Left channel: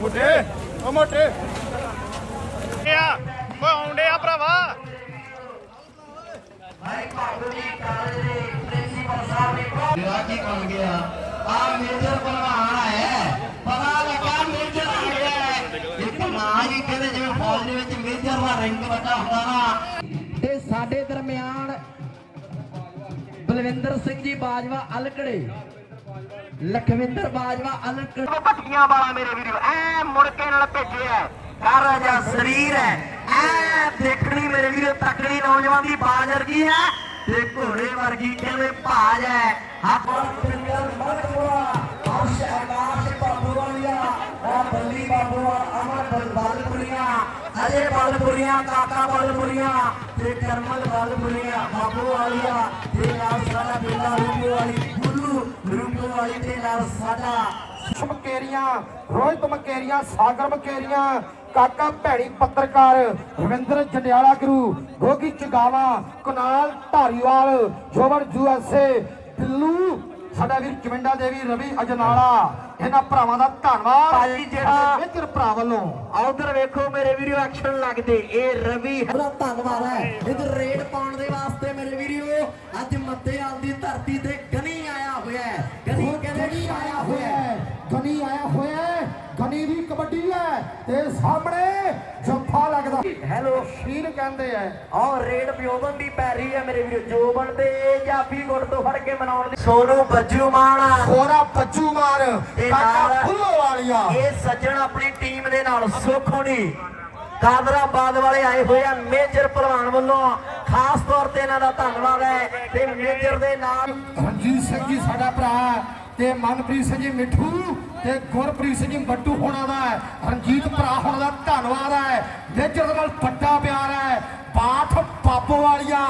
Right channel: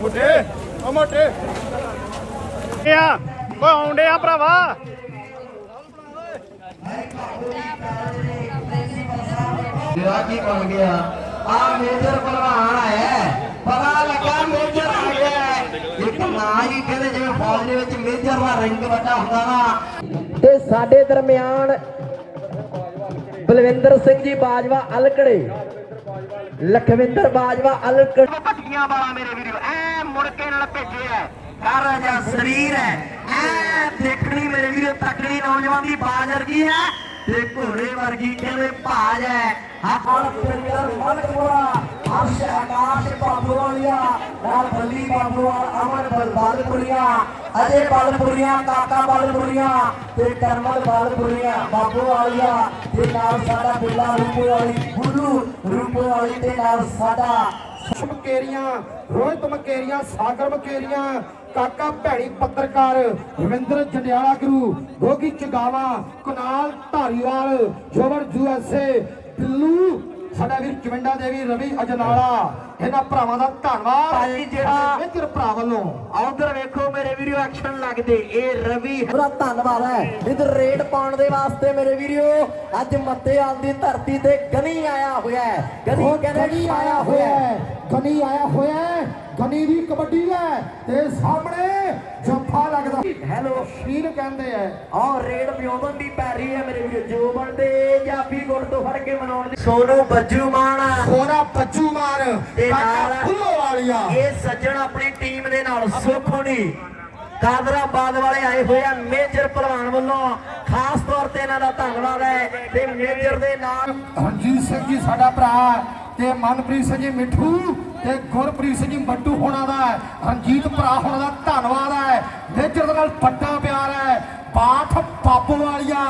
ਮੋਟੇ ਓ ਮੋਟੇ ਆ ਪਾਉਂਦੇ ਆ ਭਰਾਵਾ ਜਿਹੜਾ ਕੀ ਬਣ ਗਿਆ? ਆ ਮੇਜਰ ਭਲਵਾਨ ਆਇਆ ਹੈ। ਪਤਾ ਲੱਗਾ ਮੇਜਰ ਆ ਗਿਆ ਹੈ। ਇੱਕ ਨਾਂ ਹੀ ਕਹਿੰਦੇ ਜਿਵੇਂ ਫੌਜ ਦੇ ਵਿੱਚ ਮੇਜਰ ਦਾ ਰੈਂਕ ਵੱਡਾ ਹੁੰਦਾ ਨਾ। ਤੇ ਸਾਡੇ ਦਰਮਿਆਨ ਬਲਵਿੰਦਰ ਸਿੰਘ ਜੀ ਬਾਜਵਾ ਅਲਕੜੇ ਲਖਵਿੰਦਰ ਬਾਜਵਾ ਅਲਕੜੇ। ਭੱਟੀਆਂ ਵਾਲਾ ਮੇਰੇ ਵੀਰੋ ਐ ਮੁੜ ਕੇ ਨਾਲ ਭੇਜਿਆ ਕਰ ਜਾ ਸਰੀਰ ਹੈ। ਦੇਖਣੀ ਮੇਰੇ ਵੀਰੋ, ਤਕੜੀ ਨੌਜਵਾਨ ਦੀ ਬਾਜ ਵਰਗੀ ਹੈ ਤੇ ਘੋੜੇ ਵਰਗੀ ਕਹਿੰਦੇ ਭਾਜ ਹੈ? ਹੱਥ ਪਿੰਡਾਂ ਮਲਕ ਮੋਰਾ ਆਸ਼ੇ ਆਕਾਸ਼ ਬਾਬੂ ਵਾਲੀਆ ਰਾਮ ਬਲੀ ਬਾਬੂ ਅਮਨ ਬਲ ਬਾਲਪੁਰੀਆ। ਅਜੇ ਬਾਲਪੁਰੀਆ, ਕਾਕਾ ਬਾਲਪੁਰੀਆ ਤੇ ਕਰਮਲ ਬਾਲਪੁਰੀਆ, ਬਾਬੂ ਵਾਲੀਆ ਤੇ ਨਾਲ ਸਾਡਾ ਬੇਲਾ ਰੂਪੋ ਵਾਲੀ, ਗੁਰੂ ਰੂਪੋ ਵਾਲੀ ਤੇ ਨਾਲ ਸਾਡਾ ਮਕੇਰੀਆਂ ਰੋਹਿਤ ਮਕੇਰੀਆਂ ਸਾਗਰ ਮਕੇਰੀਆਂ ਕਾਕਾ ਭੈਣੀ ਪੱਤਰਕਾਰ ਰਵਿੰਦਰ ਜੰਡਿਆਲਾ ਗੁਰੂ ਗੋਗੀ ਚਗਾਵਾ ਕੁਨਾਲ ਧਾਰੀਵਾਲ ਜੋਵਰ ਯੂਐਸਏ ਬਿੱਲੂ ਸਾਡਾ ਵੀਰ ਚਵਿੰਡਾ ਦੇਵੀ ਰਵੀ ਅਜਨਾਲਾ ਇਹਨਾਂ ਭਰਾਵਾਂ ਦਾ ਧੰਨਵਾਦ ਭਾਜੀ ਜਿਹੜਾ- ਮਿੱਤਰ ਭਰਾ ਵੱਲੋਂ। ਉਧਰ ਵੇਖੋ ਮੇਰੇ ਵੀਡੀਓ ਐਕਸ਼ਨ ਲੱਗਦੇ। ਇਹ ਰਵੀ ਬੜਾ ਧੰਨਵਾਦ ਹੈ। ਇਧਰ ਰੇਡ ਪਾਉਣ ਦੇ ਵਾਸਤੇ ਮੇਰੇ ਵੀਰੋ ਅੱਜ ਮੱਤੇ ਆਂਦੀ ਧਰਤੀ ਤੇ ਗਨੀ ਆਇਆ ਹੋਇਆ ਹੈ। ਗਨੀ ਕਹਿੰਦੇ ਗਨੀ ਆਇਆ ਹੋਇਆ ਹੈ ਗਨੀ ਆਇਆ ਹੋਇਆ ਹੈ ਕਬੱਡੀ ਹੈ ਤੇ ਸਾਹਮਣੇ ਜੱਫਾ ਲੱਗਦਾ। ਹੈਲੋ ਸ਼ੀਰ ਕਹਿੰਦੇ ਆ। ਔਰ ਰੇਡ ਪਿਓਮਨ ਦੀ ਪੈਰੀ ਹੈ ਮੇਰੇ ਵੀਡੀਓ ਜੋਬਨ ਤੇ ਜਾਫੀ ਗੁਰ ਤੋਂ ਫੜ ਕੇ ਮਨਾਉਣ ਦੀ। ਸੋਨੂ ਬੱਜੂ ਮਾਨ ਹੋਰਾ ਬੱਜੂ ਮਾਰ ਕਾਕਾ ਵਾਲੀਆਂ। ਇਹ ਸੱਜਣ ਆਪਣੀ ਟੀਮ ਦੇ ਨਾਲ ਸੁੱਖ ਹੋਣੀ ਕਾਦਰਾਬਾਦ ਵਾਲੇ ਆਏ ਹੋਏ ਆ ਮੇਜਰ ਪਹਿਲਵਾਨ ਵੱਲੋਂ ਖਾਸ ਤੌਰ ਤੇ ਇਹਨਾਂ ਦਾ ਧੰਨਵਾਦ ਹੈ ਤੇ ਮੇਜਰ ਦੇ ਨਾਲ ਰਣਜੀਤ ਸਿੰਘ ਜੀ ਸਾਡਾ ਭਰਾ ਤੇ ਮਨਪ੍ਰੀਤ ਸਿੰਘ ਜੀ ਮਿੱਠੂ ਤੇ ਗੁਰਪ੍ਰੀਤ ਸਿੰਘ ਜੀ ਬੱਟੂ ਹੋਣਾ ਦਾ। ਰਣਜੀਤ ਭਰਾ ਹੋਣਾ ਦਾ ਧੰਨਵਾਦ ਹੈ ਮੇਜਰ ਦੇ ਨਾਲ ਵੱਡਾ ਪਿਆਰ ਹੈ ਬਾਠ ਬਾਬੋ ਵਾਲੀਆ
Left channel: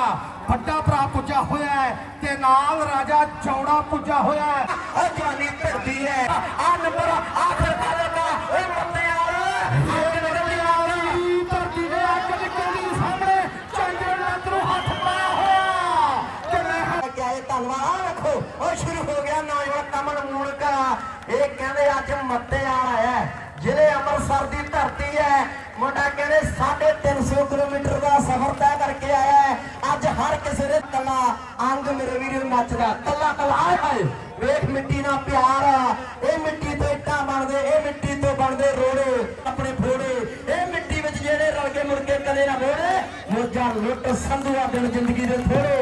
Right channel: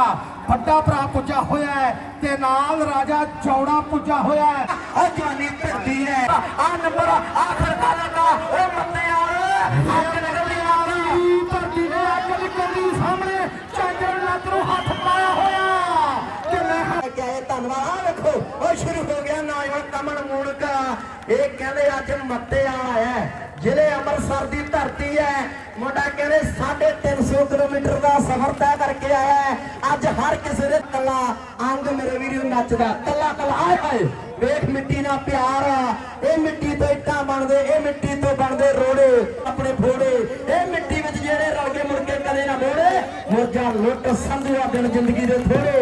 ਵੱਡਾ ਭਰਾ ਪੁੱਜਾ ਹੋਇਆ ਹੈ ਤੇ ਨਾਲ ਰਾਜਾ ਚੌੜਾ ਪੁੱਜਾ ਹੋਇਆ ਹੈ ਉਹ ਜਵਾਨੀ ਧਰਦੀ ਹੈ ਇਹ ਕਹਿੰਦੇ ਅੱਜ ਮੱਤੇ ਆਇਆ ਹੈ, ਜ਼ਿਲ੍ਹੇ ਅੰਮ੍ਰਿਤਸਰ ਦੀ ਧਰਤੀ ਹੈ। ਮੁੰਡਾ ਕਹਿੰਦੇ 350 ਕਿਲੋਮੀਟਰ ਦਾ ਸਫ਼ਰ ਤੈਅ ਕਰਕੇ ਆਇਆ ਹੈ। ਅੱਜ ਹਰ ਕਿਸੇ ਦੇ ਕੱਲਾ ਅੰਗ ਮੇਰੇ ਵੀਰੋ ਨੱਚਦਾ ਕੱਲਾ ਕੱਲਾ ਆਏ ਹਾਏ। ਵੇਖ ਮਿੱਟੀ ਨਾਲ ਪਿਆਰ ਆ। ਇਹ ਮਿੱਟੀ ਤੋਂ ਇੱਟਾਂ ਬਣਦੇ, ਇਹ ਮਿੱਟੀ ਤੋਂ ਬਣਦੇ ਰੋੜੇ, ਆਪਣੇ ਫੋੜੇ। ਇਹ ਮਿੱਟੀ ਵਿੱਚ ਜਿਹੜੇ ਰਲ ਕੇ ਮੁੜ ਕੇ ਕਦੇ ਨਾ ਮੋੜੇ, ਮੋਜਾਂ ਲੁੱਟ ਸੰਧੂਆ ਦਿਨ ਜ਼ਿੰਦਗੀ ਦੇ ਥੋੜੇ।